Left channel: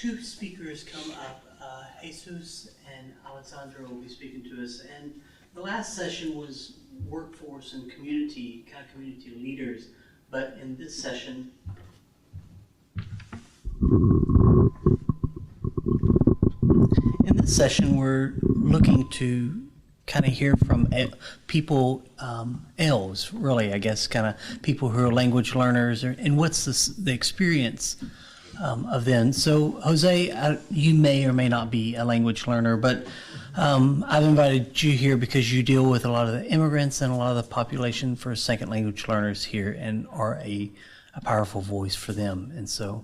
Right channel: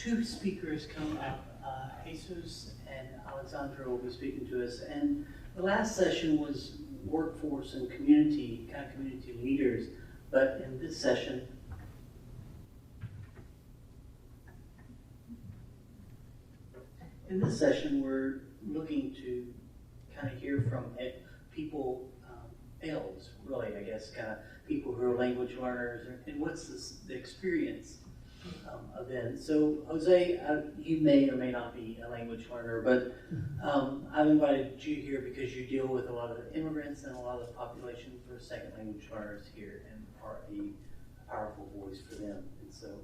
two speakers come up. Jesus and Alexandra will be speaking to us. And the last session was workforce and community, kind of community leaders. But in this session, we're looking to kind of hear from people, elves, really, I guess, kind of people who are language learners, and what's the experience of them. So, Jose, you may or may not be a language learner, but I've invited you here because you deal with a lot of the immigrants and a lot of the population for second language learners here and are a powerful voice for them. And so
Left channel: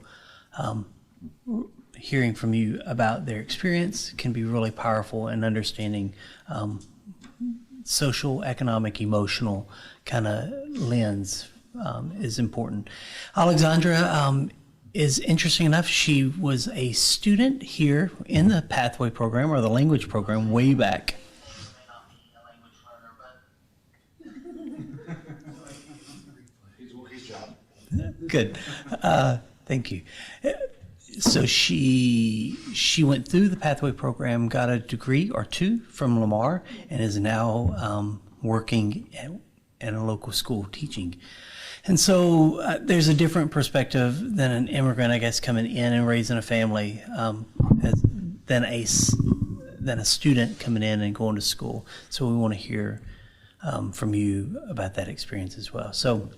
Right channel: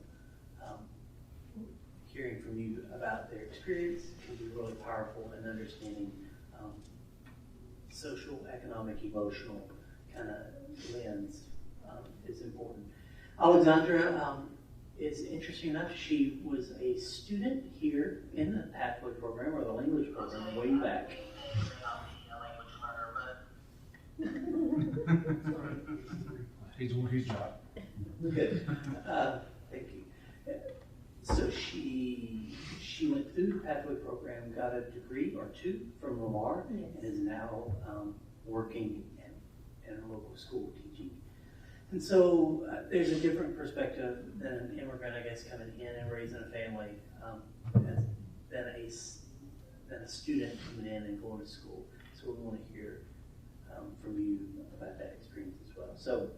hearing from you about their experience can be really powerful in understanding social, economic, emotional kind of lens is important. Alexandra is interesting enough. She was a student here in the Pathway program or the language program way back. He's doing his job. Good. Thank you. So she went through the Pathway program, got a degree or two from Lamar, and is now working at a local school teaching. And so there's a different perspective than an immigrant, I guess, coming in and raising a family than a student coming in and going to school. So we want to hear from you about that experience as well. So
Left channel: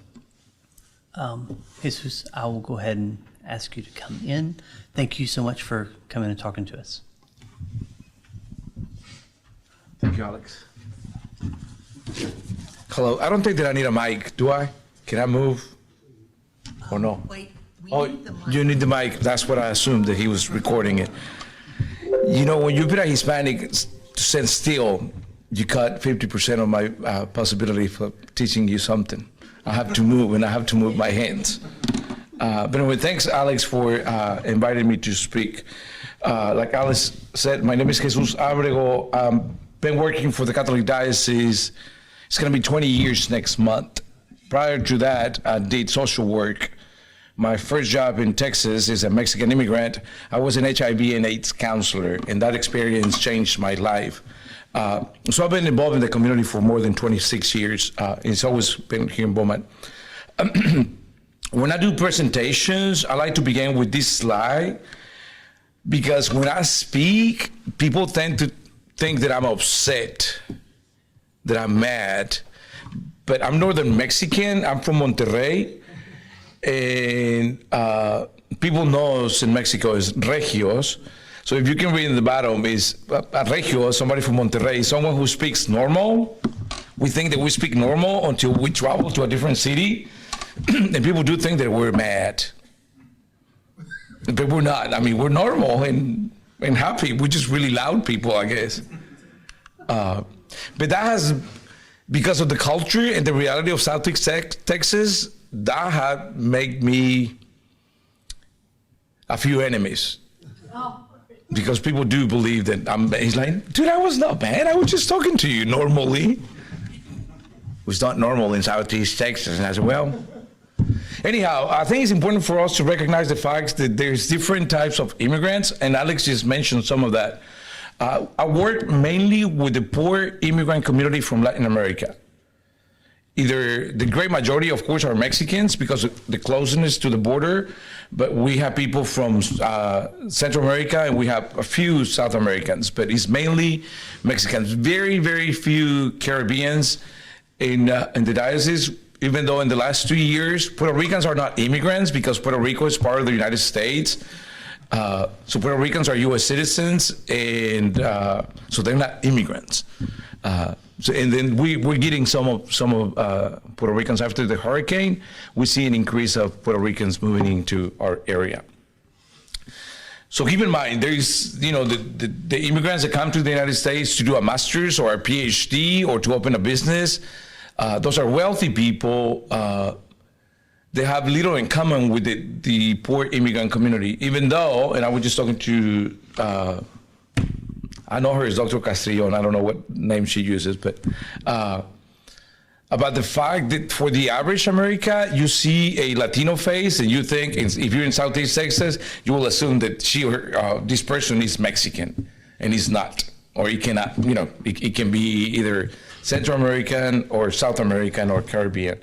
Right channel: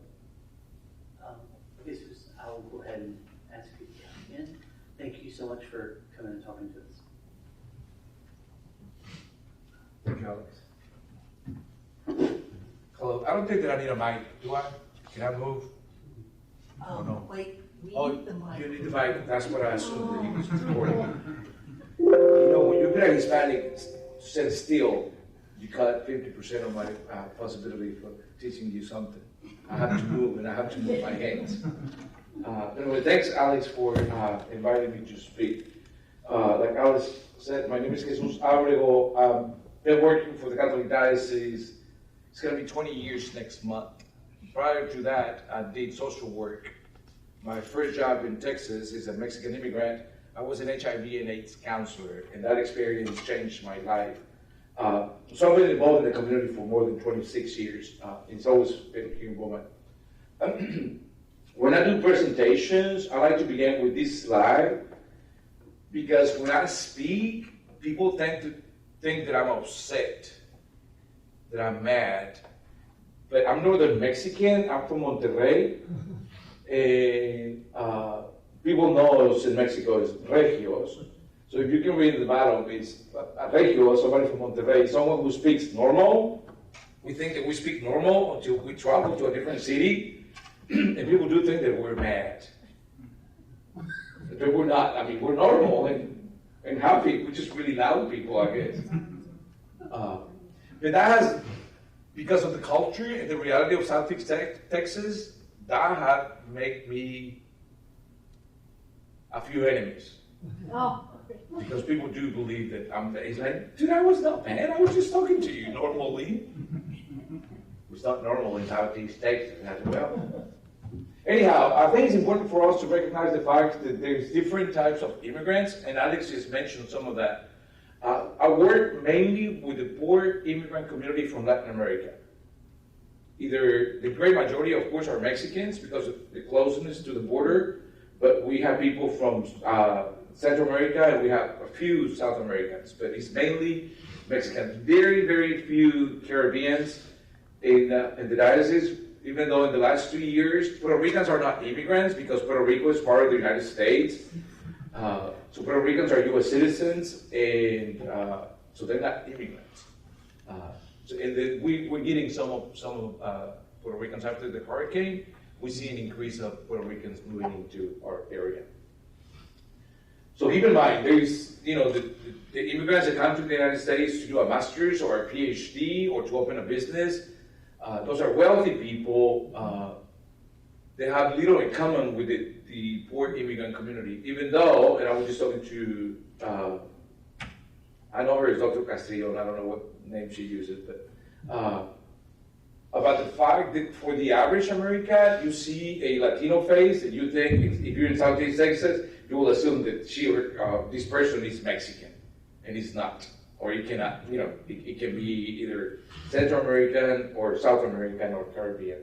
Jesus, I will go ahead and ask you to come in. Thank you so much for coming and talking to us. Thank you, Alex. Hello. I don't think that I need a mic, do I? Can I move? Or no? Wait, we Oh, need the mic. you need the mic. That's what I assumed, that he was recording it. You know, when you put a Hispanic to stand still, you cut 50% of my possibility for teaching you something. I have to move, and I have to move my hands. But anyway, thanks, Alex, for inviting me to speak. Like Alex said, my name is Jesus Abrego. Been working for the Catholic Diocese. It's going to be 20 years next month. Prior to that, I did social work. My first job in Texas as a Mexican immigrant, I was an HIV and AIDS counselor, and that experience changed my life. So I've been involved in the community for more than 26 years. It's always been here in Beaumont. When I do presentations, I like to begin with this slide, because when I speak, people tend to think that I'm upset, that I'm mad. But I'm Northern Mexican. I'm from Monterrey, and people know us in Mexico as Regios. So if you can read in the bottom, is a Regio, somebody from Monterrey, someone who speaks normal. We think that we speak normal until we travel to a different city, and people do think that we're mad. But we're not. I mean, we're normal and happy. We're just really loud people, I guess. But that has, because of the culture and the reality of South Texas, that had made me a few enemies. Oh. Because people do believe that he's like, dude, I was not bad. I was just talking to you normally. It was not normal in Southeast Texas. And I said, well, anyhow, I think it's important for us to recognize the facts that there's different types of immigrants, and Alex just mentioned some of that. I work mainly with the poor immigrant community from Latin America. Either the great majority, of course, are Mexicans because of the closeness to the border, but we have people from Central America, and we have a few South Americans, but it's mainly Mexicans. Very, very few Caribbeans in the diocese, even though in the last 2 years, Puerto Ricans are not immigrants because Puerto Rico is part of the United States. So Puerto Ricans are U.S. citizens, and so they're not immigrants. And then we're getting some of Puerto Ricans after the hurricane. We see an increase of Puerto Ricans moving into our area. So keep in mind, there's, the immigrants that come to the United States to do a master's or a PhD or to open a business. Those are wealthy people. They have little in common with the poor immigrant community, even though, and I was just talking to, I know her as Dr. Castrillon. I don't know what name she uses, but about the fact that for the average American, you see a Latino face and you think, if you're in Southeast Texas, you will assume that this person is Mexican, and he's not, or he cannot, it can be either Central American or South American or Caribbean.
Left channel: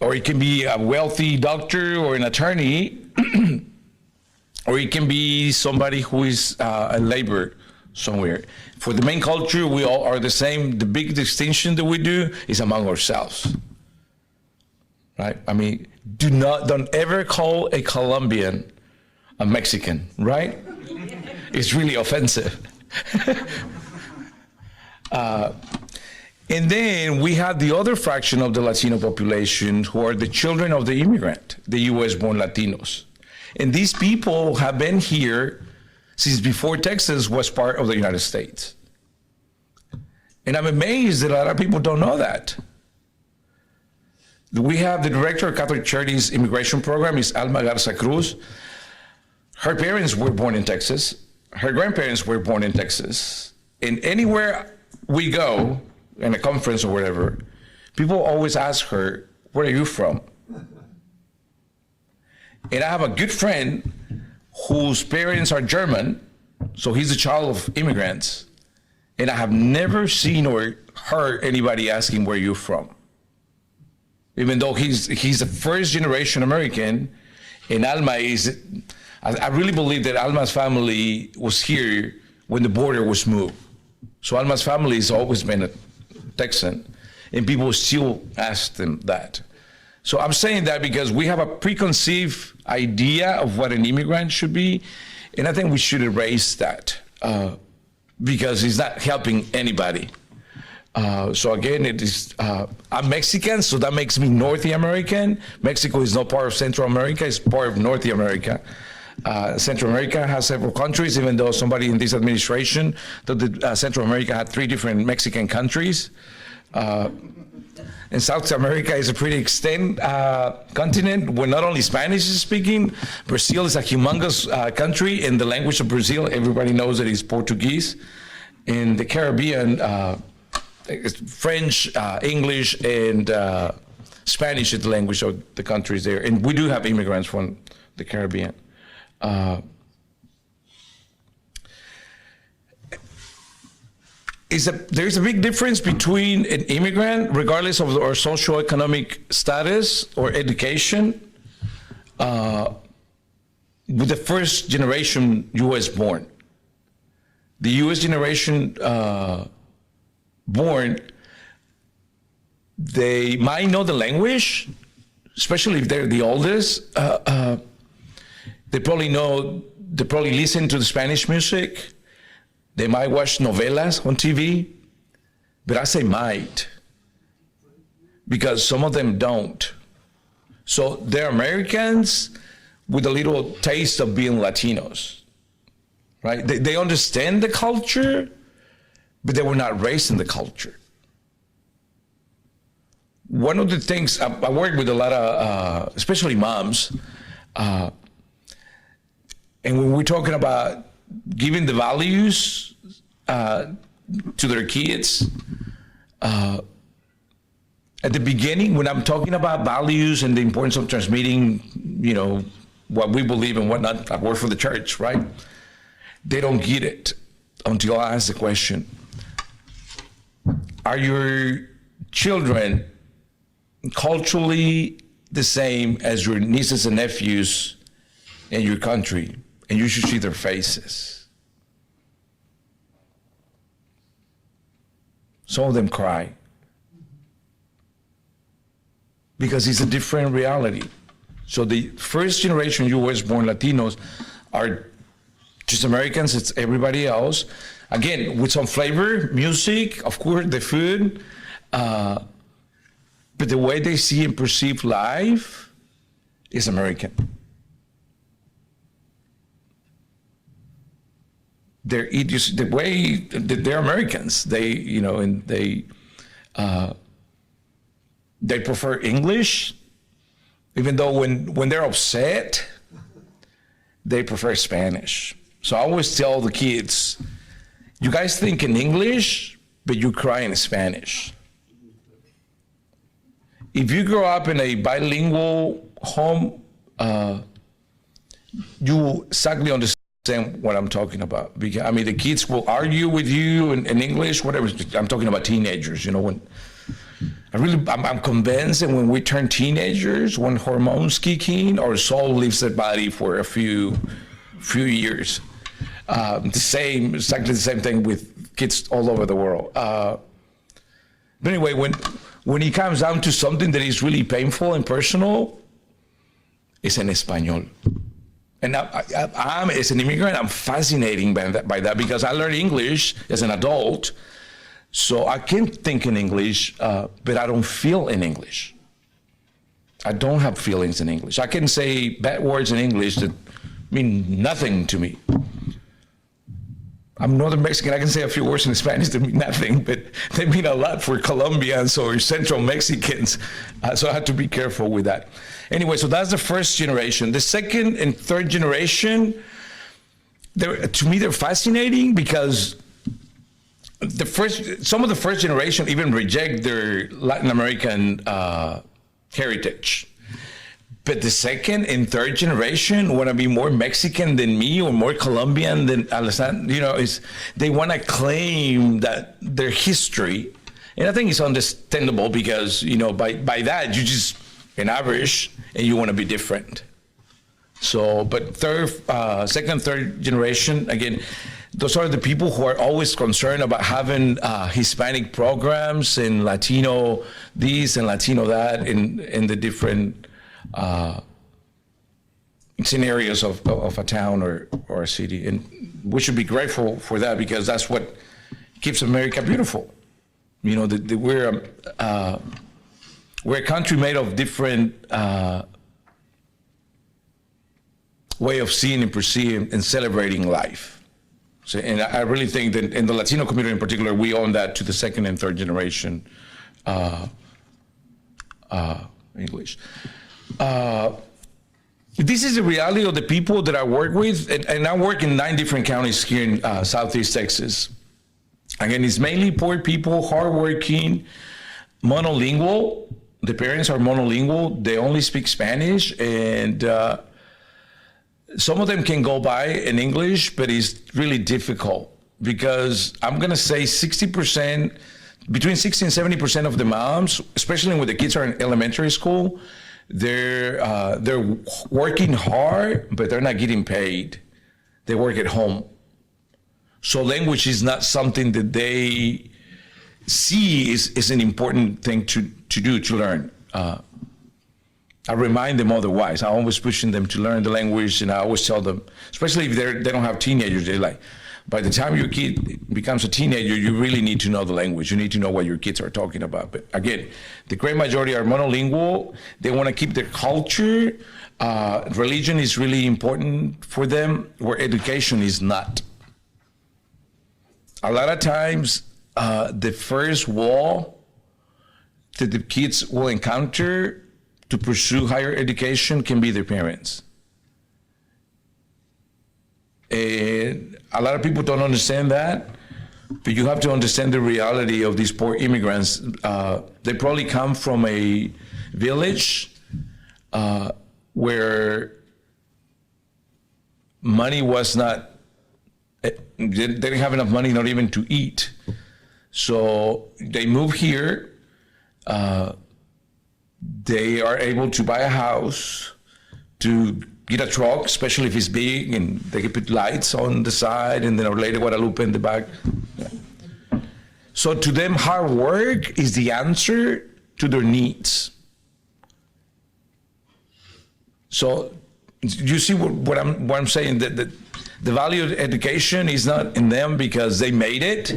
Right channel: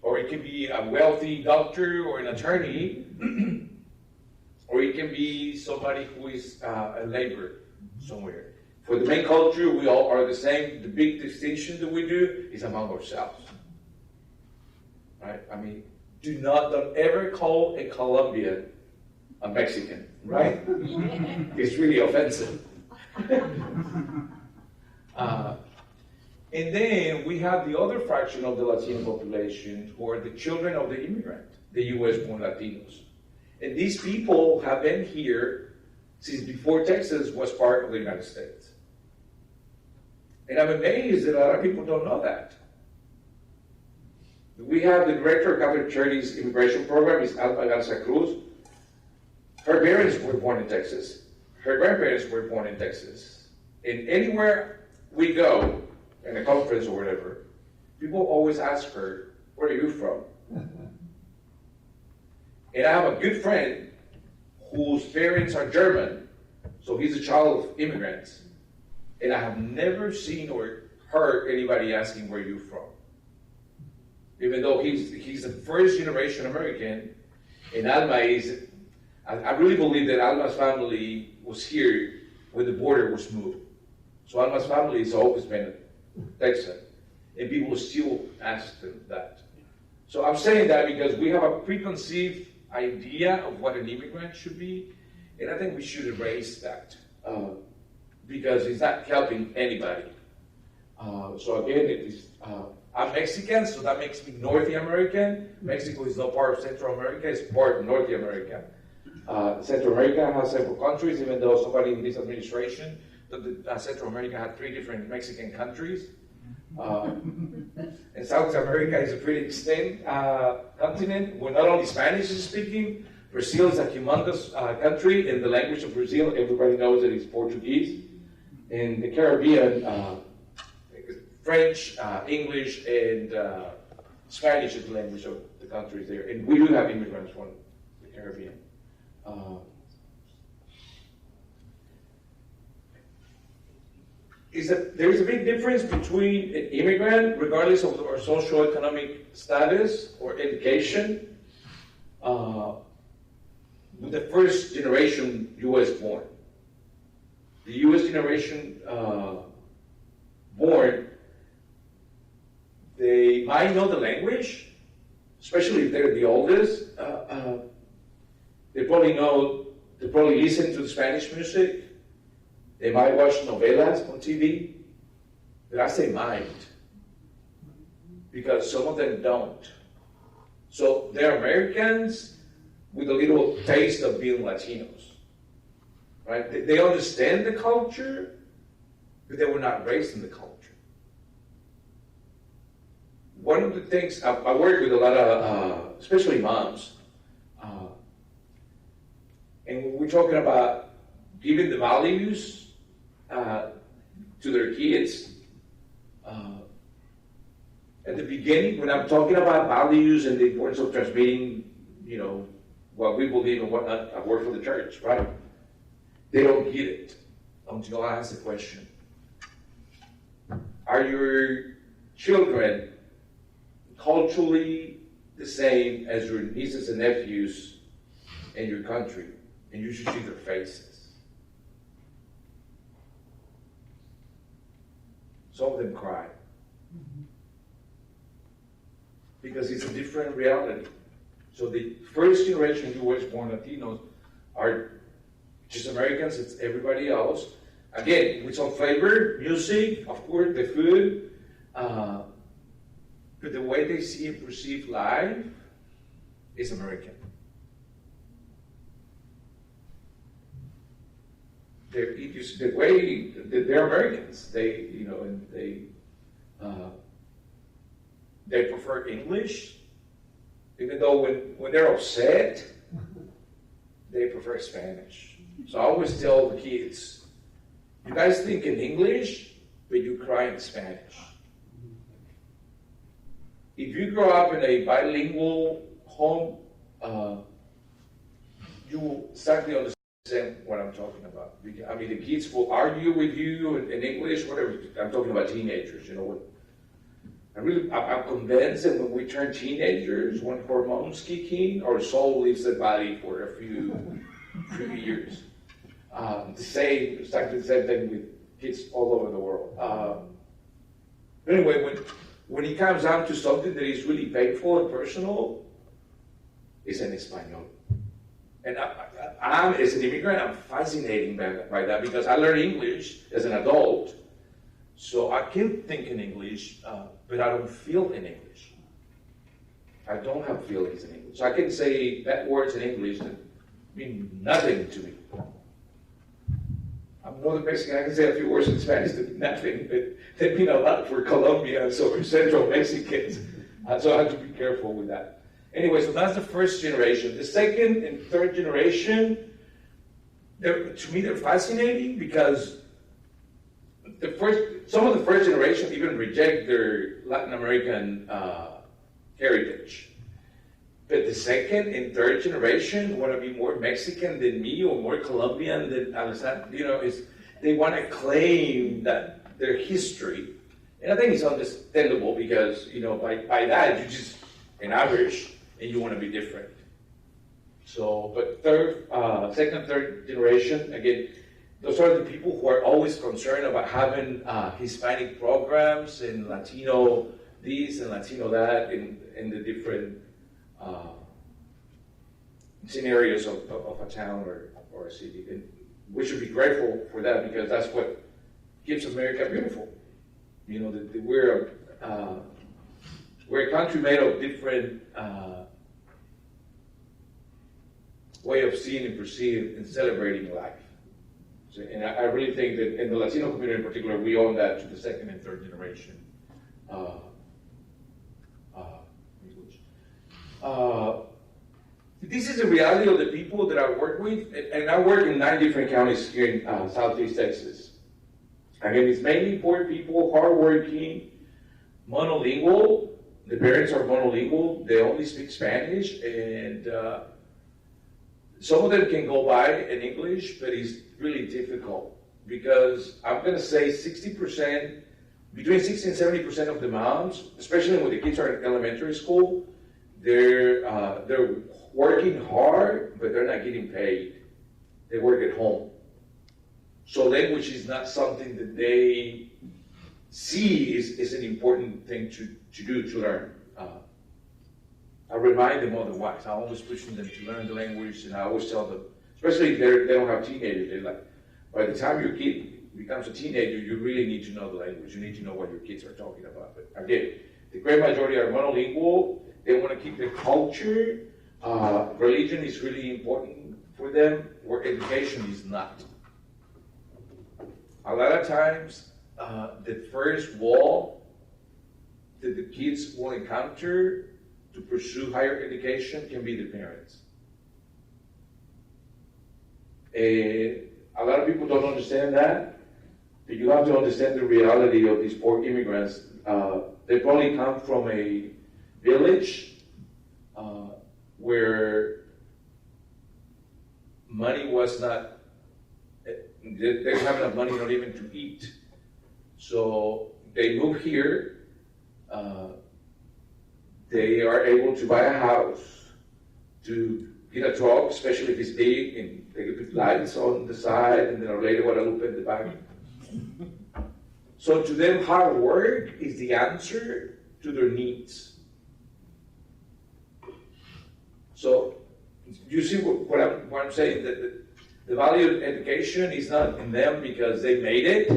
Or it can be a wealthy doctor or an attorney, or it can be somebody who is a laborer somewhere. For the main culture, we all are the same. The big distinction that we do is among ourselves, right? I mean, don't ever call a Colombian a Mexican, right? It's really offensive. And then we have the other fraction of the Latino population who are the children of the immigrant, the US-born Latinos. And these people have been here since before Texas was part of the United States. And I'm amazed that a lot of people don't know that. We have the director of Catholic Charities Immigration Program, is Alma Garza Cruz. Her parents were born in Texas. Her grandparents were born in Texas. And anywhere we go, in a conference or whatever, people always ask her, where are you from? And I have a good friend whose parents are German, so he's a child of immigrants, and I have never seen or heard anybody asking where you're from. Even though he's a first generation American, and Alma is, I really believe that Alma's family was here when the border was moved. So Alma's family has always been a Texan, and people still ask them that. So I'm saying that because we have a preconceived idea of what an immigrant should be, and I think we should erase that because it's not helping anybody. So again, I'm Mexican, so that makes me North American. Mexico is not part of Central America, it's part of North America. Central America has several countries, even though somebody in this administration thought that Central America had 3 different Mexican countries. And South America is a pretty extended continent where not only Spanish is speaking, Brazil is a humongous country, and the language of Brazil, everybody knows that it's Portuguese. In the Caribbean, it's French, English, and Spanish is the language of the countries there. And we do have immigrants from the Caribbean. There's a big difference between an immigrant, regardless of our socioeconomic status or education, with the first generation US born. The US generation born, they might know the language, especially if they're the oldest. They probably listen to the Spanish music. They might watch novelas on TV, but I say might, because some of them don't. So they're Americans with a little taste of being Latinos, right? They understand the culture, but they were not raised in the culture. One of the things, I work with a lot of, especially moms, and when we're talking about giving the values to their kids, at the beginning, when I'm talking about values and the importance of transmitting, what we believe and whatnot, I work for the church, right? They don't get it until I ask the question, are your children culturally the same as your nieces and nephews in your country? And you should see their faces. Some of them cry because it's a different reality. So the first generation US-born Latinos are just Americans, it's everybody else. Again, with some flavor, music, of course, the food, but the way they see and perceive life is American. The way that they're Americans, they prefer English, even though when they're upset, they prefer Spanish. So I always tell the kids, you guys think in English, but you cry in Spanish. if you grow up in a bilingual home, you exactly understand what I'm talking about. Because I mean, the kids will argue with you in English, whatever. I'm talking about teenagers. You know, when I'm convinced that when we turn teenagers, when hormones kick in, our soul leaves the body for a few years. Exactly the same thing with kids all over the world. But anyway, when it comes down to something that is really painful and personal, it's en español. And I'm, as an immigrant, I'm fascinated by that because I learned English as an adult, so I can think in English, but I don't feel in English. I don't have feelings in English. I can say bad words in English that mean nothing to me. I'm Northern Mexican. I can say a few words in Spanish that mean nothing, but they mean a lot for Colombians or Central Mexicans. So I have to be careful with that. Anyway, so that's the first generation. The second and third generation, to me, they're fascinating because some of the first generation even reject their Latin American heritage. But the second and third generation want to be more Mexican than me or more Colombian than Alessandro. You know, they want to claim that their history. And I think it's understandable because, you know, by that, you just an average and you want to be different. So, but second, third generation, again, those are the people who are always concerned about having Hispanic programs and Latino this and Latino that in the different scenarios of a town or a city. And we should be grateful for that because that's what keeps America beautiful. You know, we're a country made of different way of seeing and perceiving and celebrating life. So, and I really think that in the Latino community in particular, we owe that to the second and third generation English. This is the reality of the people that I work with, and I work in 9 different counties here in Southeast Texas. Again, it's mainly poor people, hardworking, monolingual. The parents are monolingual. They only speak Spanish, and some of them can go by in English, but it's really difficult because I'm going to say 60%, between 60 and 70% of the moms, especially when the kids are in elementary school, they're working hard, but they're not getting paid. They work at home. So language is not something that they see is an important thing to do, to learn. I remind them otherwise. I'm always pushing them to learn the language, and I always tell them, especially if they don't have teenagers, they're like, by the time your kid becomes a teenager, you really need to know the language. You need to know what your kids are talking about. But again, the great majority are monolingual. They want to keep their culture. Religion is really important for them, where education is not. A lot of times, the first wall that the kids will encounter to pursue higher education can be their parents. And a lot of people don't understand that, but you have to understand the reality of these poor immigrants. They probably come from a village where money was not, they didn't have enough money not even to eat. So they move here. They are able to buy a house, to get a truck, especially if it's big, and they can put lights on the side, and then Our Lady Guadalupe in the back. So to them, hard work is the answer to their needs. So you see what I'm saying, that the value of education is not in them because they made it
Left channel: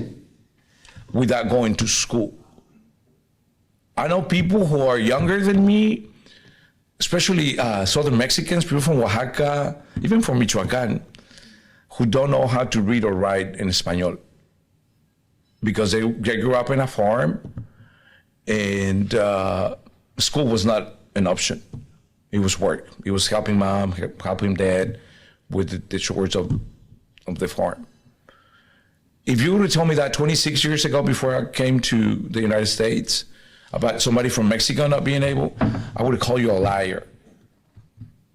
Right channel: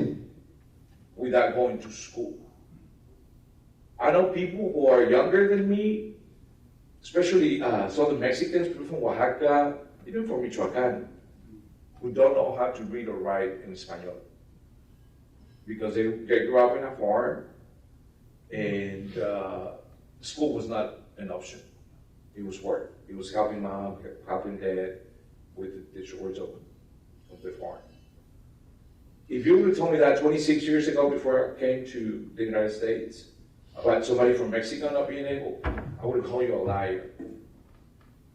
without going to school. I know people who are younger than me, especially Southern Mexicans, people from Oaxaca, even from Michoacan, who don't know how to read or write in Espanol because they grew up in a farm and school was not an option. It was work. It was helping mom, helping dad with the chores of the farm. If you would have told me that 26 years ago before I came to the United States, about somebody from Mexico not being able, I would call you a liar.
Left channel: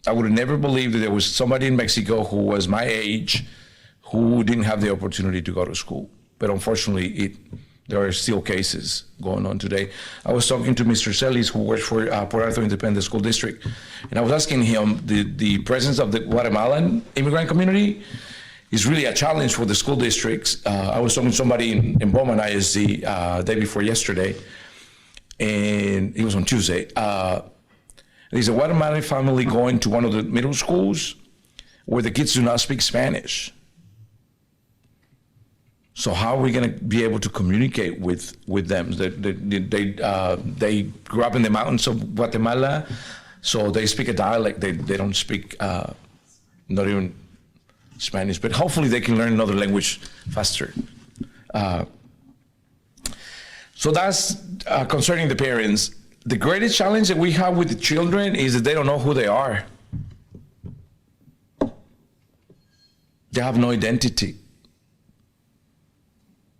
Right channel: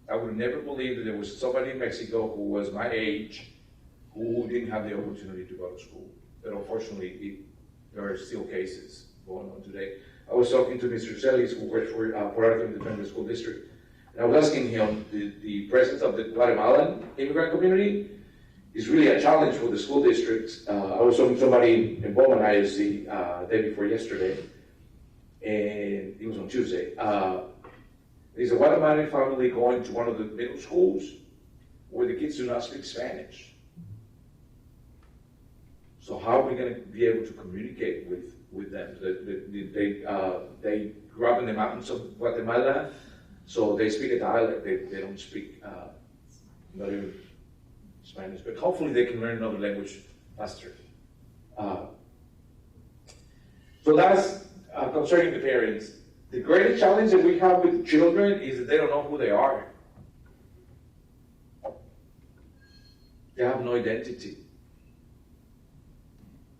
I would have never believed that there was somebody in Mexico who was my age who didn't have the opportunity to go to school. But unfortunately, there are still cases going on today. I was talking to Mr. Celis, who works for Port Arthur Independent School District, and I was asking him the presence of the Guatemalan immigrant community is really a challenge for the school districts. I was talking to somebody in Bowman ISD day before yesterday, and it was on Tuesday. There's a Guatemalan family going to one of the middle schools where the kids do not speak Spanish. So how are we going to be able to communicate with them? They grew up in the mountains of Guatemala, so they speak a dialect. They don't speak not even Spanish, but hopefully they can learn another language faster. So that's concerning the parents. The greatest challenge that we have with the children is that they don't know who they are. They have no identity.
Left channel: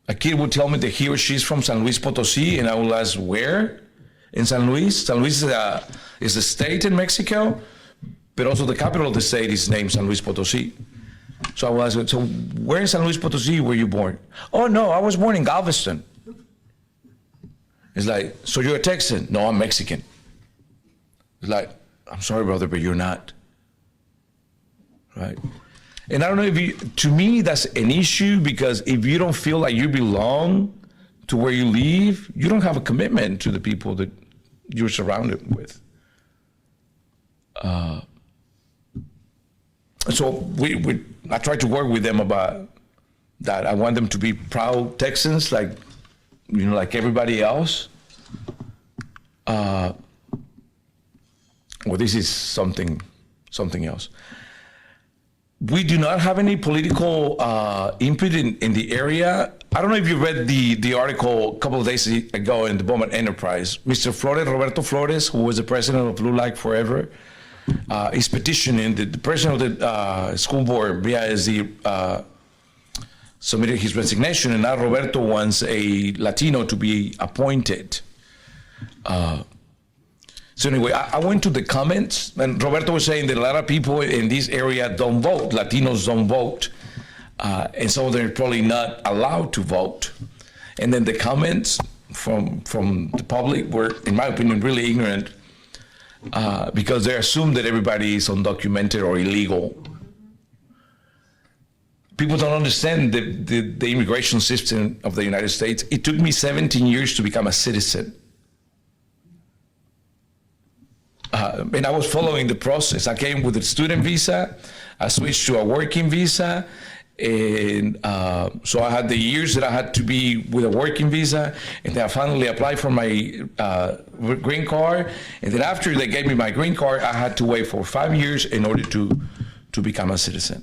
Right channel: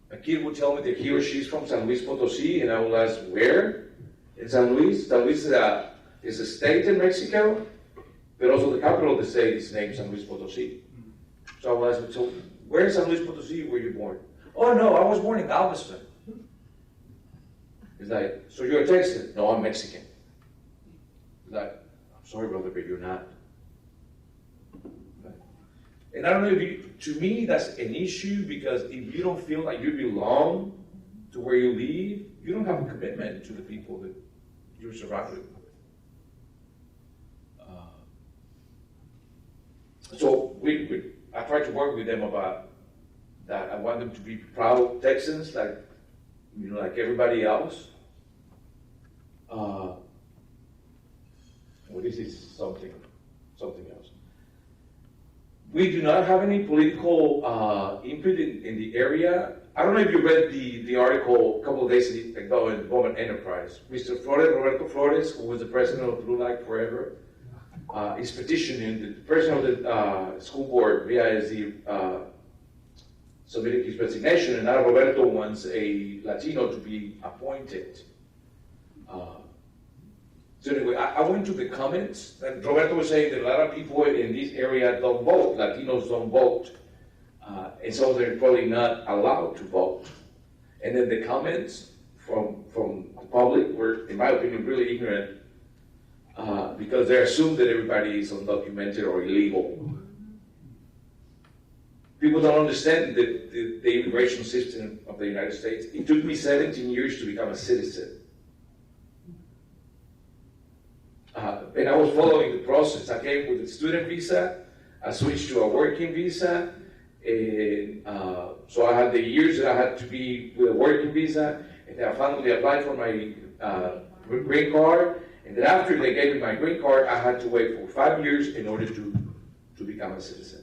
A kid would tell me that he or she's from San Luis Potosí, and I will ask, where? In San Luis? San Luis is a state in Mexico, but also the capital of the state is named San Luis Potosí. So I will ask, so where in San Luis Potosí were you born? Oh, no, I was born in Galveston. It's like, so you're a Texan? No, I'm Mexican. It's like, I'm sorry, brother, but you're not. Right? And I don't know to me, that's an issue, because if you don't feel like you belong to where you live, you don't have a commitment to the people that you're surrounded with. So I try to work with them about that. I want them to be proud Texans, like everybody else. Well, this is something else. We do not have any political input in the area. I don't know if you read the article a couple of days ago in the Bowman Enterprise. Mr. Flores, Roberto Flores, who was the president of Blue Light Forever, is petitioning the president of the school board, BISD, submitted his resignation, and now Roberto wants a Latino to be appointed. So anyway, I went to the comments, and Roberto was saying that a lot of people in this area don't vote. Latinos don't vote. And so they're probably not allowed to vote. And then the comments from the public were, in my opinion, really ignorant, because they assume that everybody is undocumented or illegal. People don't understand the immigration system of the United States. It took me 17 years to become a citizen. And I was following the process. I came with a student visa. I switched to a working visa. And so I had the years that I had to be with a working visa. And then I finally applied for my green card. And then after they gave me my green card, I had to wait for 5 years in order to become a citizen.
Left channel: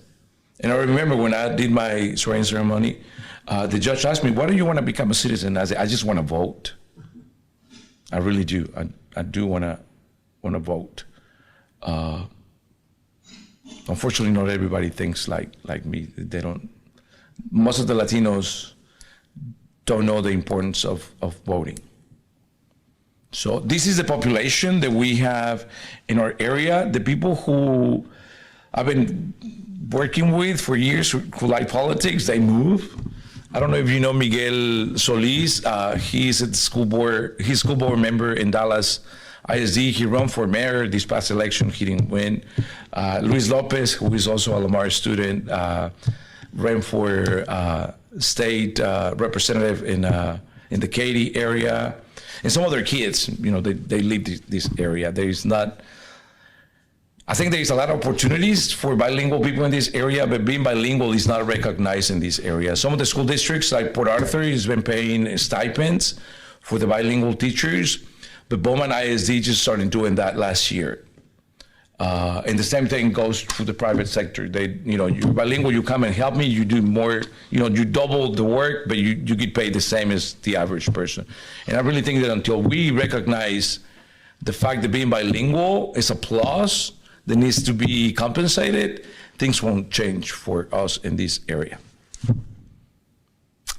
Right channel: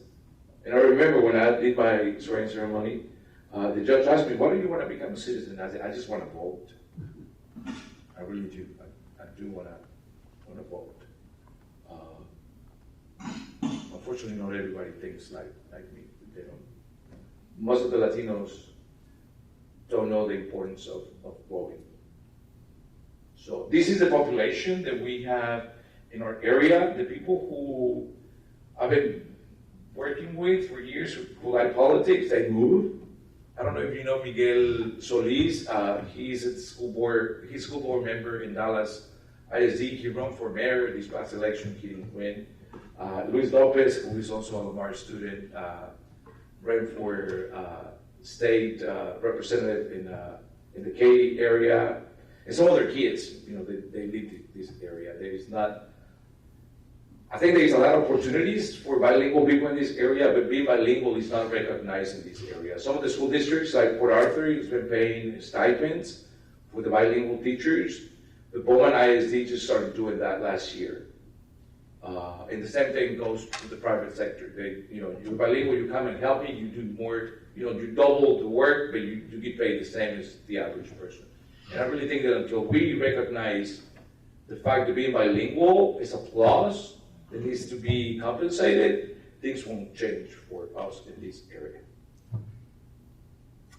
And I remember when I did my swearing ceremony, the judge asked me, why do you want to become a citizen? I said, I just want to vote. I really do. I do want to vote. Unfortunately, not everybody thinks like me. They don't. Most of the Latinos don't know the importance of voting. So this is the population that we have in our area. The people who I've been working with for years who like politics, they move. I don't know if you know Miguel Solis. He's at the school board. He's school board member in Dallas ISD. He ran for mayor this past election. He didn't win. Luis Lopez, who is also a Lamar student, ran for state representative in the Katy area. And some other kids, they lead this area. There's not. I think there's a lot of opportunities for bilingual people in this area, but being bilingual is not recognized in this area. Some of the school districts, like Port Arthur, has been paying stipends for the bilingual teachers, but Bowman ISD just started doing that last year. And the same thing goes to the private sector. You're bilingual, you come and help me, you do more, you double the work, but you get paid the same as the average person. And I really think that until we recognize the fact that being bilingual is a plus that needs to be compensated, things won't change for us in this area.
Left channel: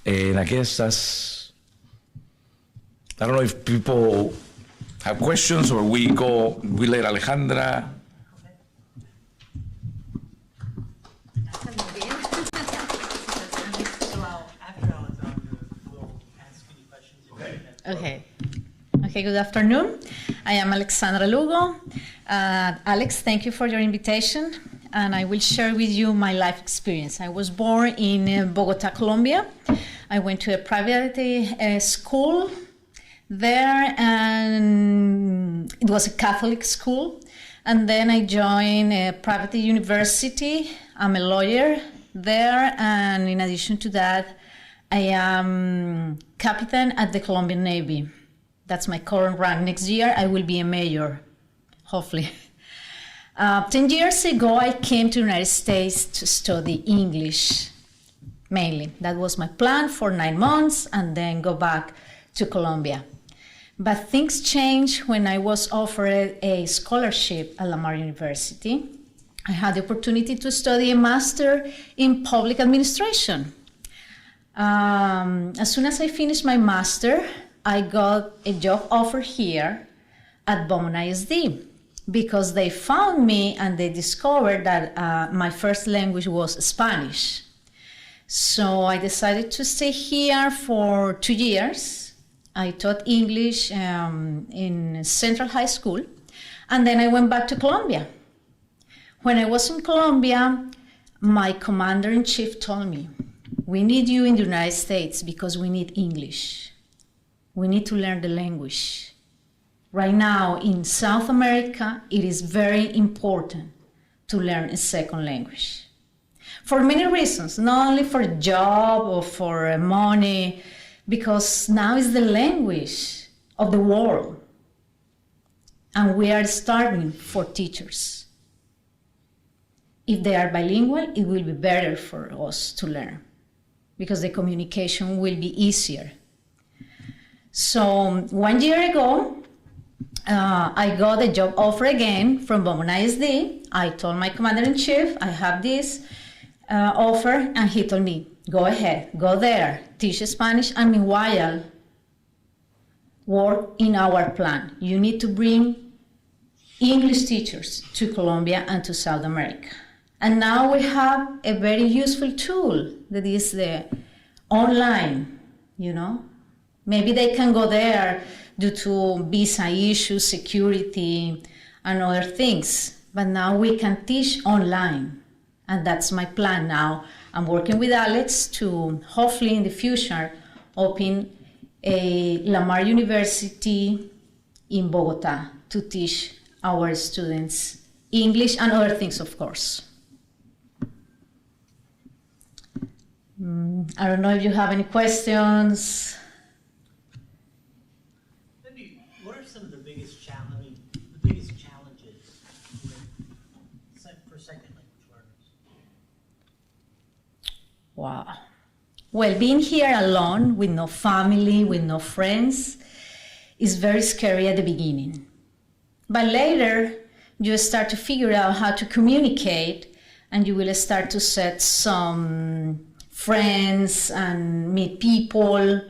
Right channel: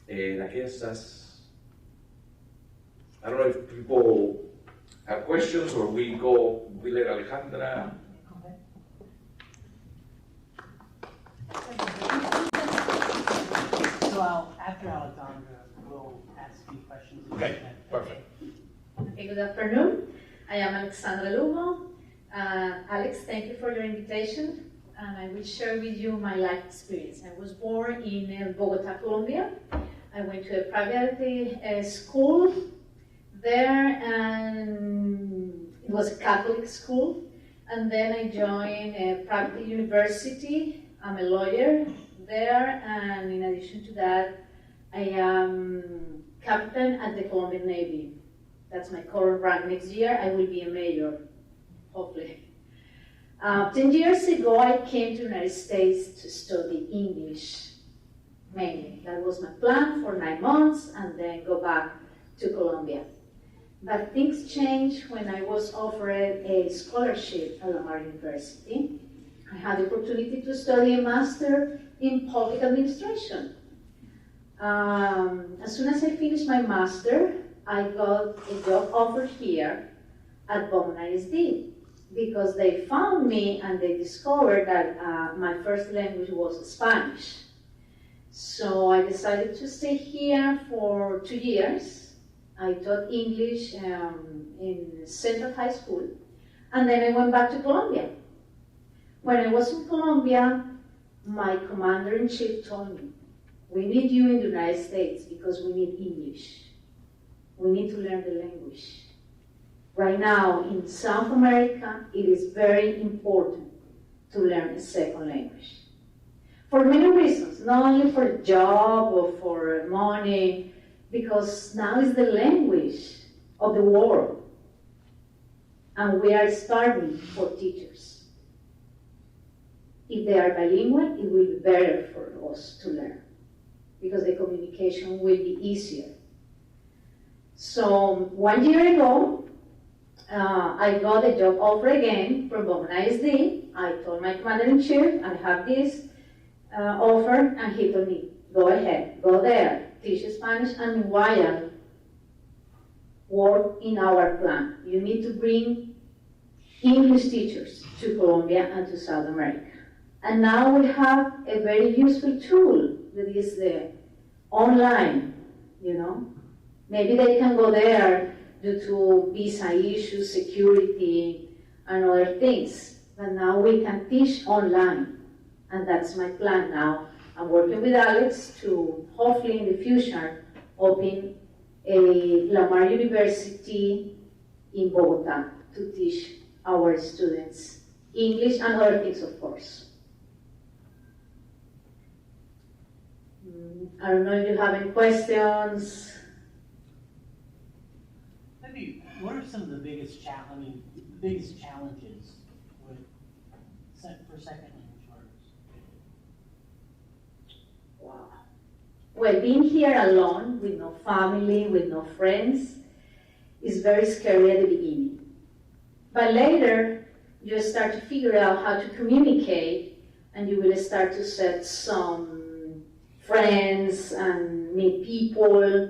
And I guess I don't know if people have questions or we let Alejandra. After Alexandra, we'll ask you questions. Okay. Okay. Okay, good afternoon. I am Alexandra Lugo. Alex, thank you for your invitation, and I will share with you my life experience. I was born in Bogota, Colombia. I went to a private school there, and it was a Catholic school. And then I joined a private university. I'm a lawyer there, and in addition to that, I am captain at the Colombian Navy. That's my current rank. Next year, I will be a major, hopefully. 10 years ago, I came to the United States to study English, mainly. That was my plan for 9 months, and then go back to Colombia. But things changed when I was offered a scholarship at Lamar University. I had the opportunity to study a master in public administration. As soon as I finished my master, I got a job offer here at Beaumont ISD because they found me and they discovered that my first language was Spanish. So I decided to stay here for 2 years. I taught English in Central High School, and then I went back to Colombia. When I was in Colombia, my commander-in-chief told me, we need you in the United States because we need English. We need to learn the language. Right now in South America, it is very important to learn a second language. For many reasons, not only for a job or for money, because now it's the language of the world. And we are starving for teachers. If they are bilingual, it will be better for us to learn because the communication will be easier. So 1 year ago, I got a job offer again from Beaumont ISD. I told my commander-in-chief, I have this offer, and he told me, go ahead, go there, teach Spanish, and meanwhile, work in our plan. You need to bring English teachers to Colombia and to South America. And now we have a very useful tool that is the online, Maybe they can go there due to visa issues, security, and other things. But now we can teach online. And that's my plan now. I'm working with Alex to hopefully in the future open a Lamar University in Bogota to teach our students English and other things, of course. I don't know if you have any questions. Maybe, what are some of the biggest challenges for second language learners? Wow. Well, being here alone with no family, with no friends, is very scary at the beginning. But later, you start to figure out how to communicate, and you will start to set some friends and meet people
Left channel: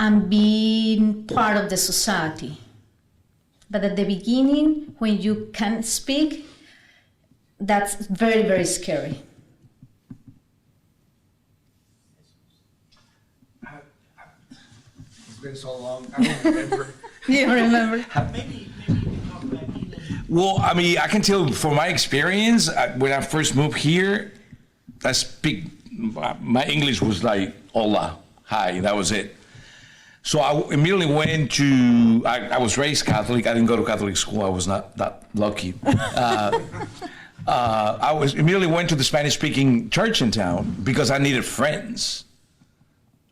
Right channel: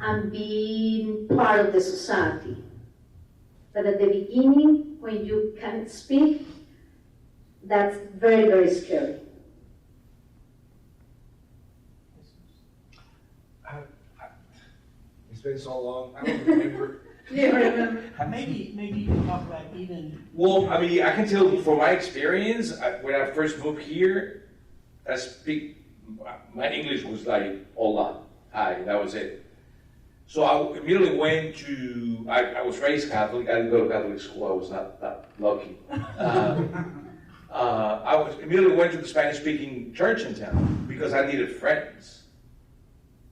and be part of the society. But at the beginning, when you can't speak, that's very, very scary. It's been so long, I don't remember. You remember? Maybe you can talk about even. Well, I mean, I can tell from my experience, when I first moved here, my English was like, hola, hi, that was it. So I immediately went to, I was raised Catholic, I didn't go to Catholic school, I was not that lucky. Immediately went to the Spanish-speaking church in town because I needed friends.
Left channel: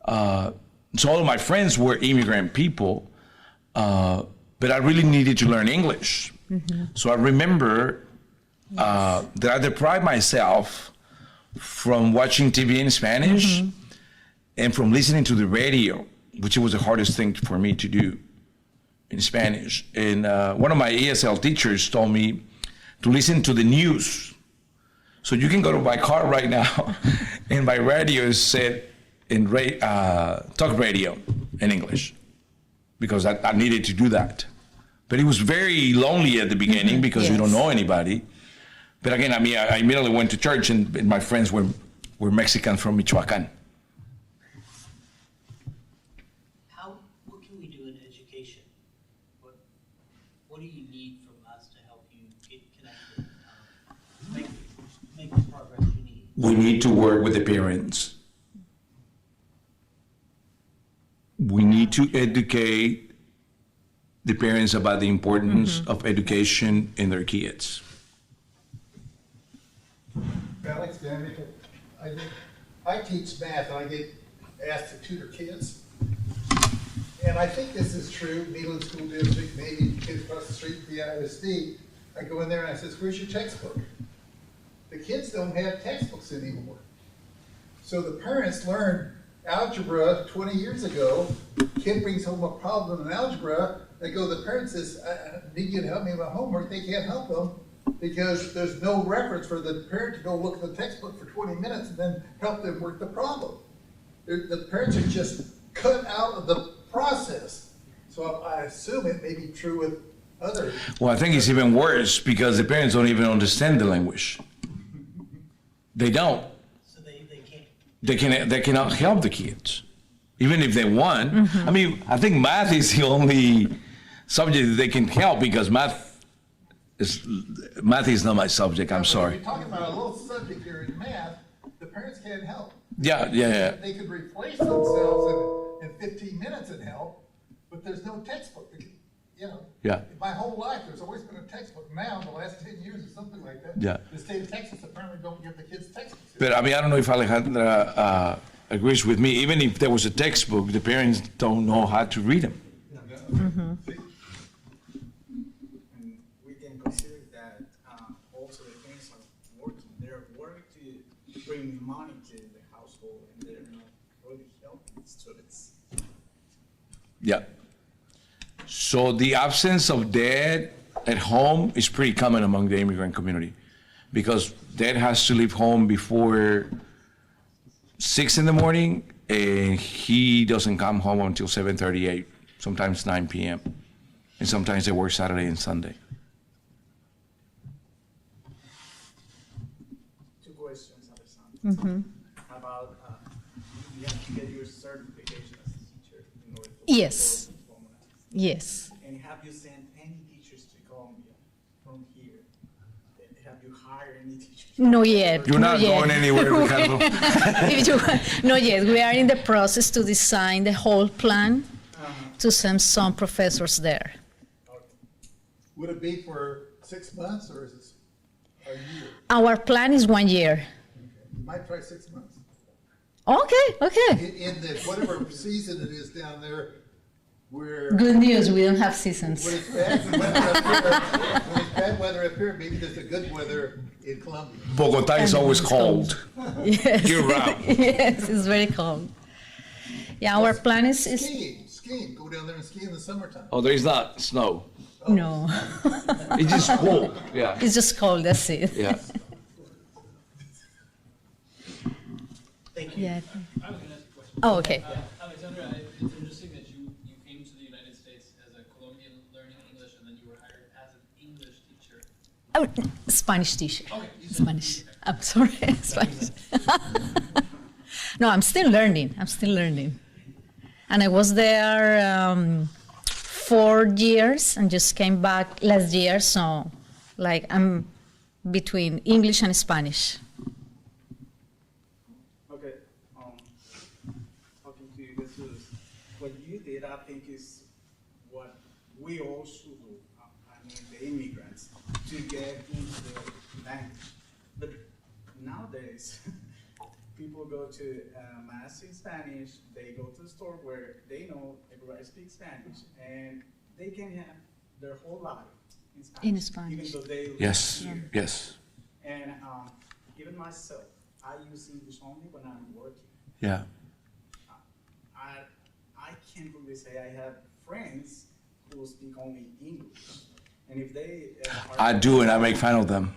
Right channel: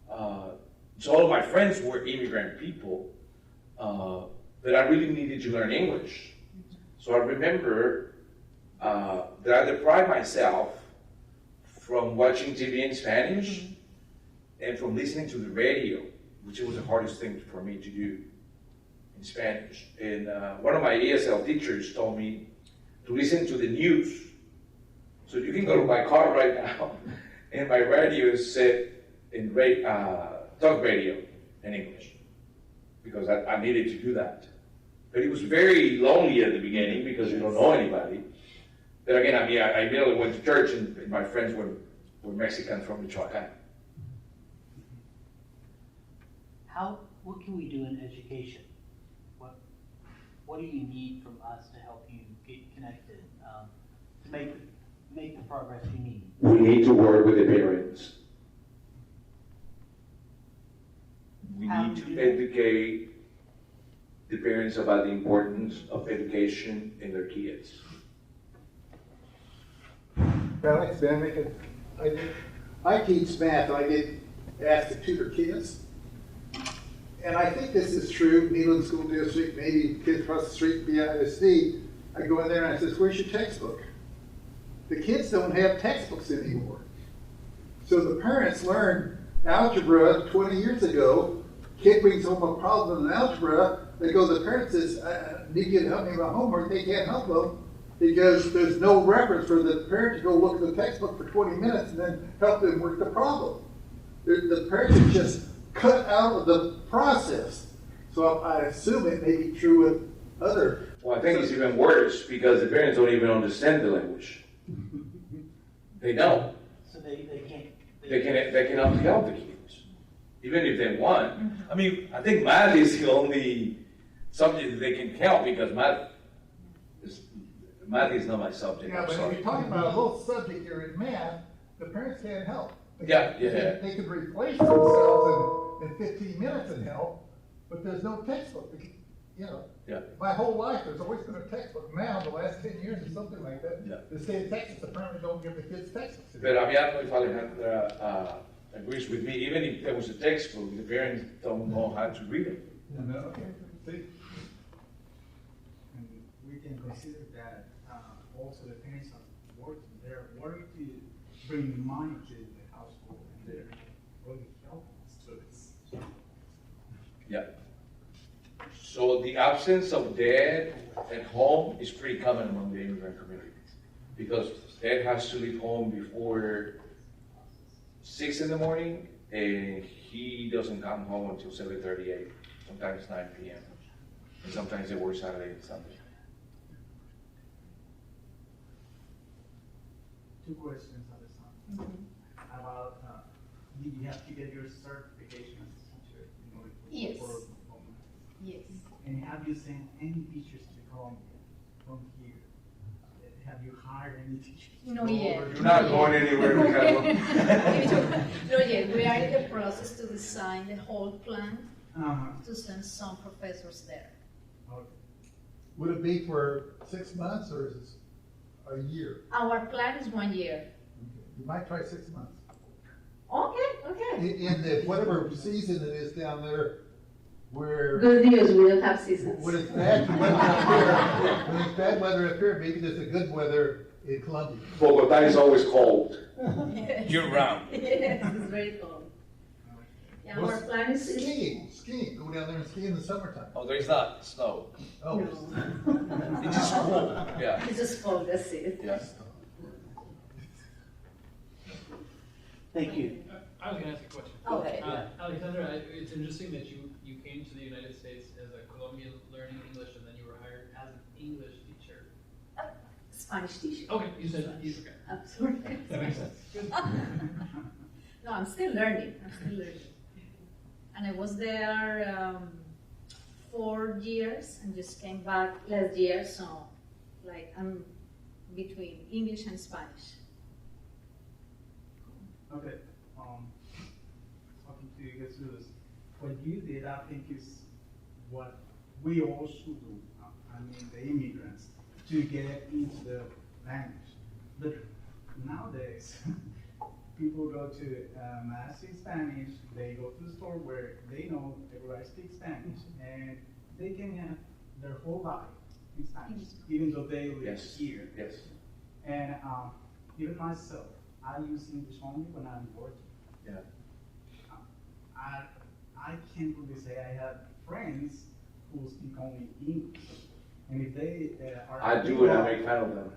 So all of my friends were immigrant people, but I really needed to learn English. Mm-hmm. So I remember that I deprived myself from watching TV in Spanish mm-hmm. and from listening to the radio, which was the hardest thing for me to do in Spanish. And one of my ESL teachers told me to listen to the news. So you can go to my car right now and my radio is set in talk radio in English. because I needed to do that. But it was very lonely at the beginning because you don't Yes. know anybody. But again, I mean, I immediately went to church, and my friends were Mexican from Michoacan. What can we do in education? What do you need from us to help you get connected, make the progress you need? We need to work with the parents. We need to educate the parents about the importance of education in their kids. Alex Van Ricken, I teach math and I get asked to tutor kids. And I think this is true, Neyland School District, maybe kids across the street, BISD. I go in there and I says, where's your textbook? The kids don't have textbooks anymore. So the parents learned algebra 20 years ago. Kid brings home a problem in algebra. They go, the parent says, I need you to help me with my homework. They can't help them because there's no reference for the parent to go look at the textbook for 20 minutes and then help them work the problem. The parents are just cut out of the process. So I assume it may be true with other. Well, I think it's even worse because the parents don't even understand the language. They don't. So they can't. They cannot help the kids, even if they want. I mean, I think math is the only subject that they can help because math is not my subject. I'm But sorry. You're talking about a little subject here in math, the parents can't help. Yeah. They could replace themselves in 15 minutes and help, but there's no textbook. Yeah. My whole life, there's always been a textbook. Now, the last 10 years or something like that, Yeah. the state of Texas apparently don't give the kids textbooks. But I mean, I don't know if Alejandra agrees with me. Even if there was a textbook, the parents don't know how to read them. And we can consider that also the parents are working. They're working to bring money to the household, and they're not really helping the students. Yeah. So the absence of dad at home is pretty common among the immigrant community because dad has to leave home before 6 in the morning and he doesn't come home until 7:38, sometimes 9 p.m. And sometimes they work Saturday and Sunday. Two questions, Alessandra. About you have to get your certification as a teacher in order to Yes. work with Homeland. Yes. And have you sent any teachers to Colombia from here? Have you hired any teachers? No yet. You're not no yet. going anywhere, Ricardo. No yet. We are in the process to design the whole plan to send some professors there. Would it be for 6 months or is it a year? Our plan is 1 year. You might try 6 months. Okay. In the, whatever season it is down there, where. Good news, we don't have seasons. When it's bad weather up here, when it's bad weather up here, maybe there's a good weather in Colombia. Bogota is always cold. Yes. Year round. Yes, it's very cold. Yeah, our plan is Skiing, go down there and ski in the summertime. Oh, there is not snow. no. It's just cold. Yeah. It's just cold, that's it. Yeah. Thank you. Yeah. I was gonna ask a question. Oh, okay. Alexandra, it's interesting that you came to the United States as a Colombian learning English and then you were hired as an English teacher. Oh, Spanish teacher. Okay, you said Spanish. okay. I'm sorry, Spanish. No, I'm still learning. And I was there 4 years and just came back last year, so like I'm between English and Spanish. Okay, talking to you, Jesus, what you did, I think, is what we all should do. I mean, the immigrants, to get into the language. But nowadays, people go to mass in Spanish. They go to the store where they know everybody speaks Spanish, and they can have their whole life in Spanish, even though they live Yes. here. Yes. And even myself, I use English only when I'm working. Yeah. I can't really say I have friends who speak only English. And if they I do, and I make fun of them.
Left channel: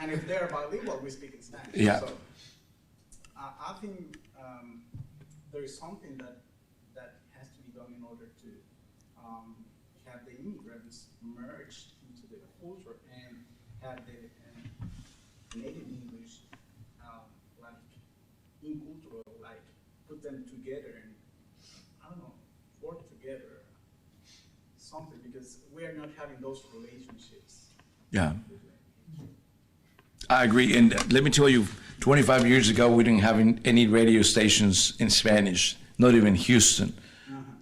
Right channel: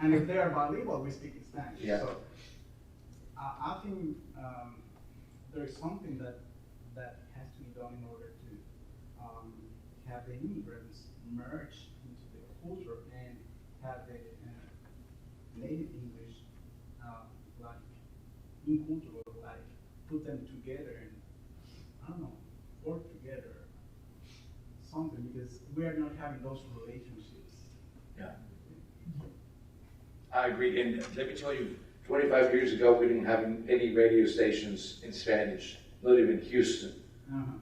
and if they're bilingual, we speak in Spanish. Yeah. So I think there is something that has to be done in order to have the immigrants merge into the culture and have the native English, like in culture, like put them together and, I don't know, work together, something, because we are not having those relationships. Yeah. I agree, and let me tell you, 25 years ago, we didn't have any radio stations in Spanish, not even Houston.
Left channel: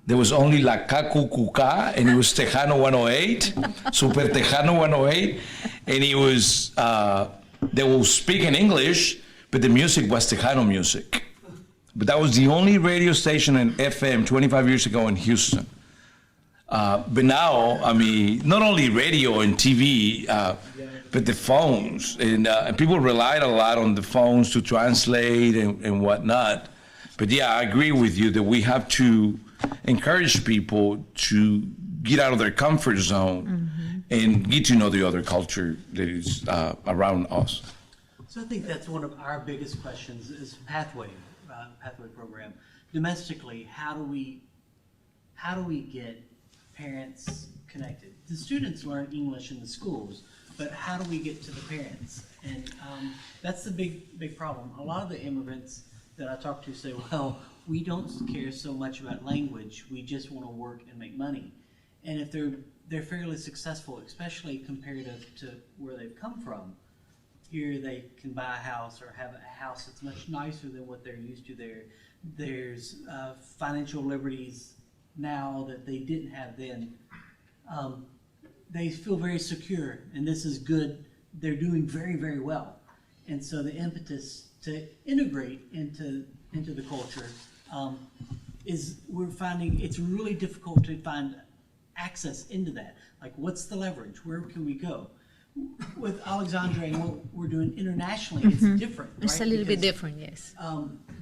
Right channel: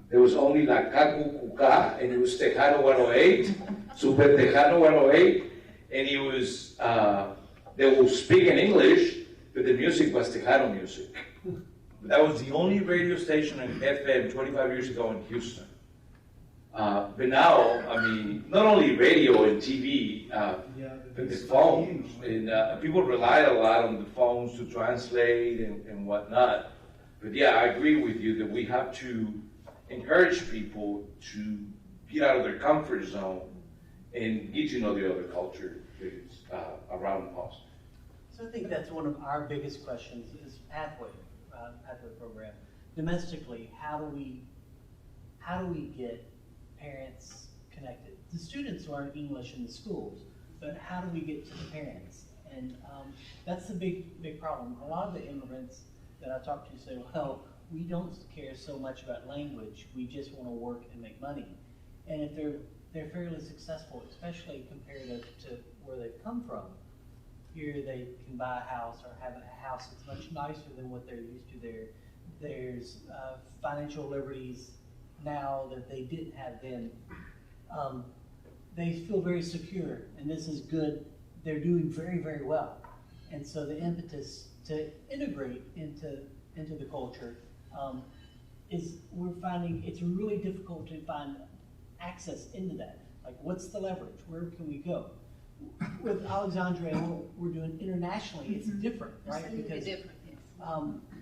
There was only La Cacucuca, and it was Tejano 108, Super Tejano 108, and it was, they were speaking English, but the music was Tejano music. But that was the only radio station in FM 25 years ago in Houston. But now, I mean, not only radio and TV, but the phones, and people relied a lot on the phones to translate and whatnot. But yeah, I agree with you that we have to encourage people to get out of their comfort zone and get to know the other culture that is around us. So I think that's one of our biggest questions is pathway program. Domestically, how do we get parents connected? The students learn English in the schools, but how do we get to the parents? And that's the big problem. A lot of the immigrants that I talk to say, well, we don't care so much about language, we just want to work and make money. And if they're fairly successful, especially comparative to where they've come from, here they can buy a house or have a house that's much nicer than what they're used to there. There's financial liberties now that they didn't have then. They feel very secure, and this is good. They're doing very, very well. And so the impetus to integrate into the culture is we're finding it's really difficult to find access into that. Like, what's the leverage? Where can we go? With Alexandria and what we're doing internationally, it's different, right? It's a little bit Because, different, yes.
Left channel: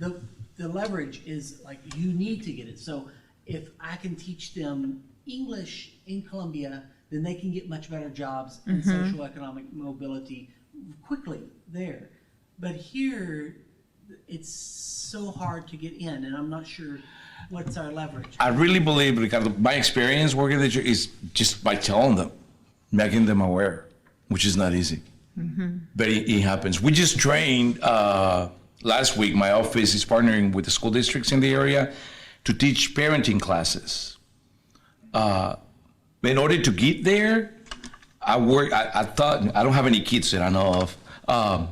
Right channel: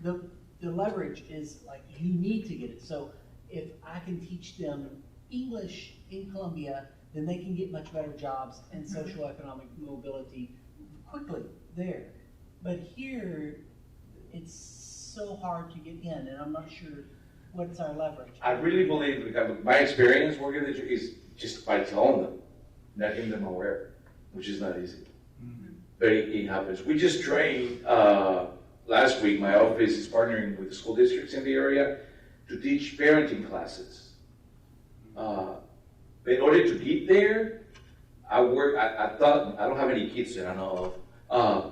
the leverage is like you need to get it. So if I can teach them English in Colombia, then they can get much better jobs and social economic mobility quickly there. But here, it's so hard to get in, and I'm not sure what's our leverage. I really believe, Ricardo, my experience working with you is just by telling them, making them aware, which is not easy. But it happens. We just trained, last week, my office is partnering with the school districts in the area to teach parenting classes. In order to get there, I thought, I don't have any kids that I know of,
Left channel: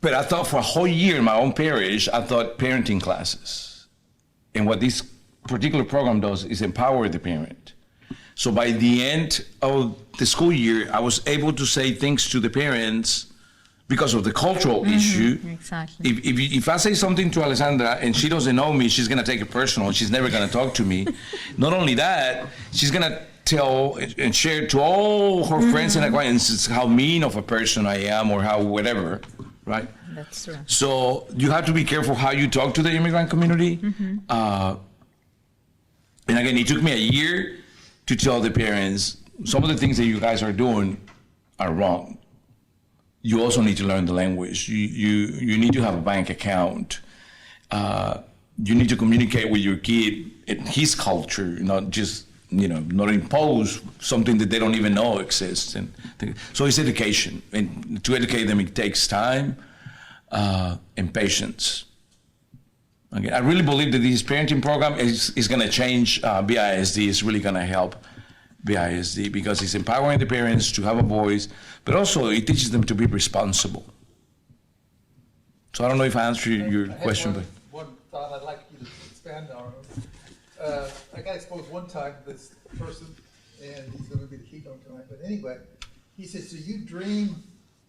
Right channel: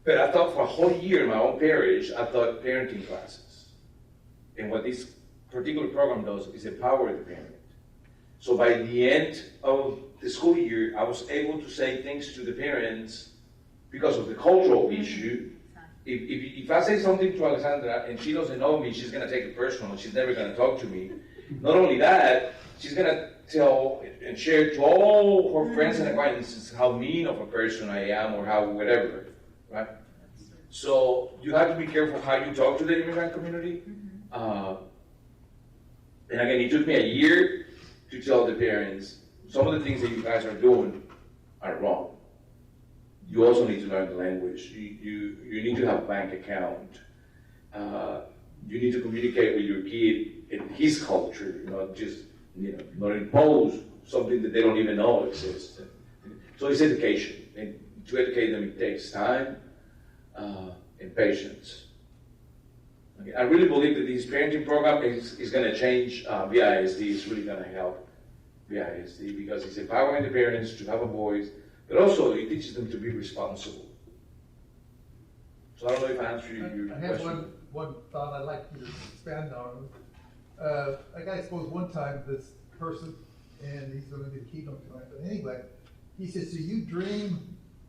but I thought for a whole year in my own parish, I thought parenting classes. And what this particular program does is empower the parent. So by the end of the school year, I was able to say things to the parents because of the cultural issue. Exactly. If I say something to Alessandra and she doesn't know me, she's gonna take it personal and she's never gonna talk to me. Not only that, she's gonna tell and share to all her friends and acquaintances how mean of a person I am or how whatever, right? That's true. So you have to be careful how you talk to the immigrant community. And again, it took me a year to tell the parents some of the things that you guys are doing are wrong. You also need to learn the language. You need to have a bank account. You need to communicate with your kid in his culture, not just, not impose something that they don't even know exists. And so it's education. And to educate them, it takes time and patience. Okay. I really believe that this parenting program is going to change BISD. It's really going to help BISD because it's empowering the parents to have a voice, but also it teaches them to be responsible. So I don't know if I answered your question. I had one thought I'd like you to expand on. I suppose one time this person, and he's going to be the keynote tonight, but anyway, he says, "Do you dream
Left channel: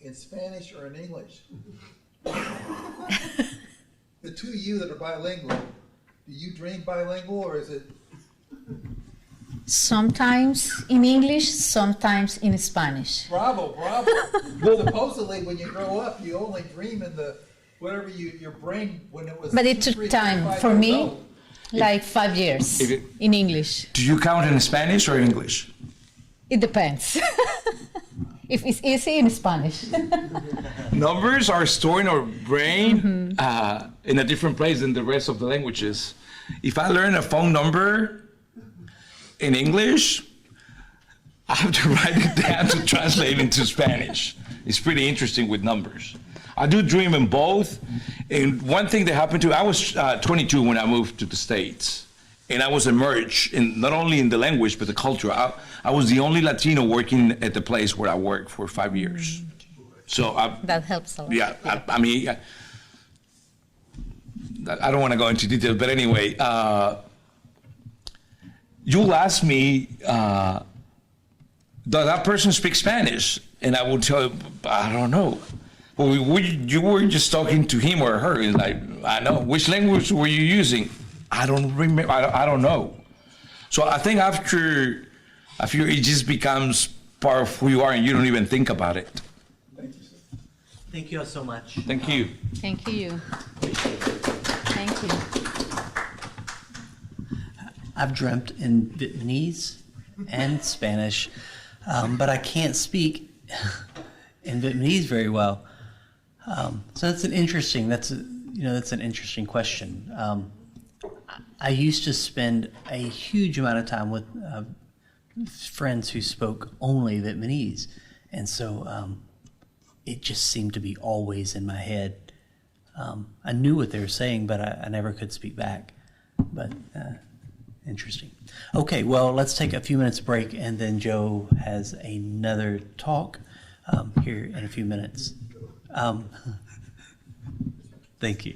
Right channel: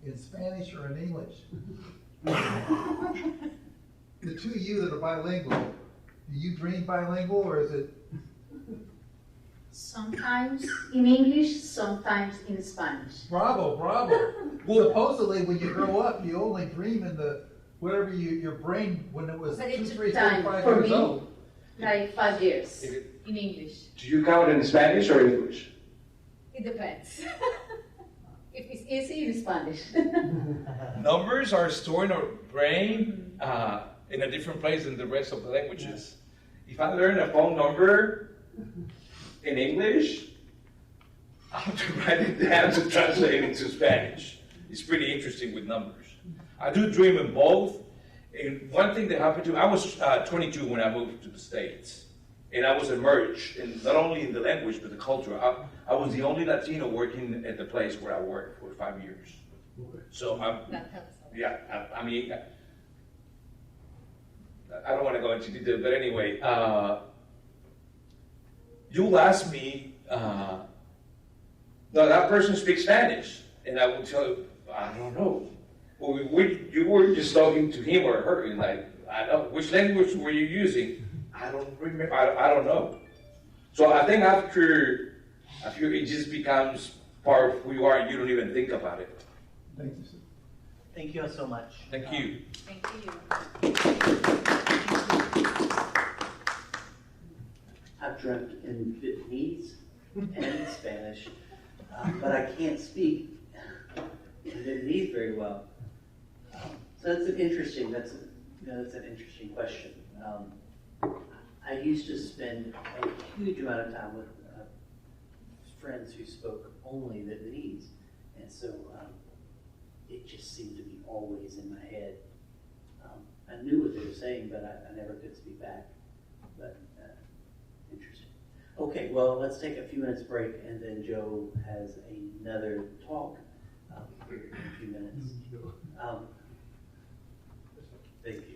in Spanish or in English?" The two of you that are bilingual, do you dream bilingual or is it? Sometimes in English, sometimes in Spanish. Bravo, bravo. Well, supposedly when you grow up, you only dream in the, whatever your brain, when it was. But it 2, took 3, time 4, 5 for years me, old. like 5 years If it- in English. Do you count in Spanish or English? It depends. If it's easy in Spanish. Numbers are stored in our brain in a different place than the rest of the languages. If I learn a phone number, in English, I have to write it down to translate into Spanish. It's pretty interesting with numbers. I do dream in both. And one thing that happened to, I was 22 when I moved to the States. And I was immersed in not only in the language, but the culture. I was the only Latino working at the place where I worked for 5 years. So That helps a lot. yeah, I mean, I don't want to go into detail, but anyway, you'll ask me, does that person speak Spanish? And I will tell you, I don't know. Well, you were just talking to him or her, and I know. Which language were you using? I don't remember. I don't know. So I think after it just becomes part of who you are, and you don't even think about it. Thank you, sir. Thank you all so much. Thank you. Thank you. Thank you. I've dreamt in Vietnamese and Spanish, but I can't speak in Vietnamese very well. So that's an interesting question. I used to spend a huge amount of time with friends who spoke only Vietnamese, and so it just seemed to be always in my head. I knew what they were saying, but I never could speak back. But interesting. Okay, well, let's take a few minutes break, and then Joe has another talk here in a few minutes. Thank you.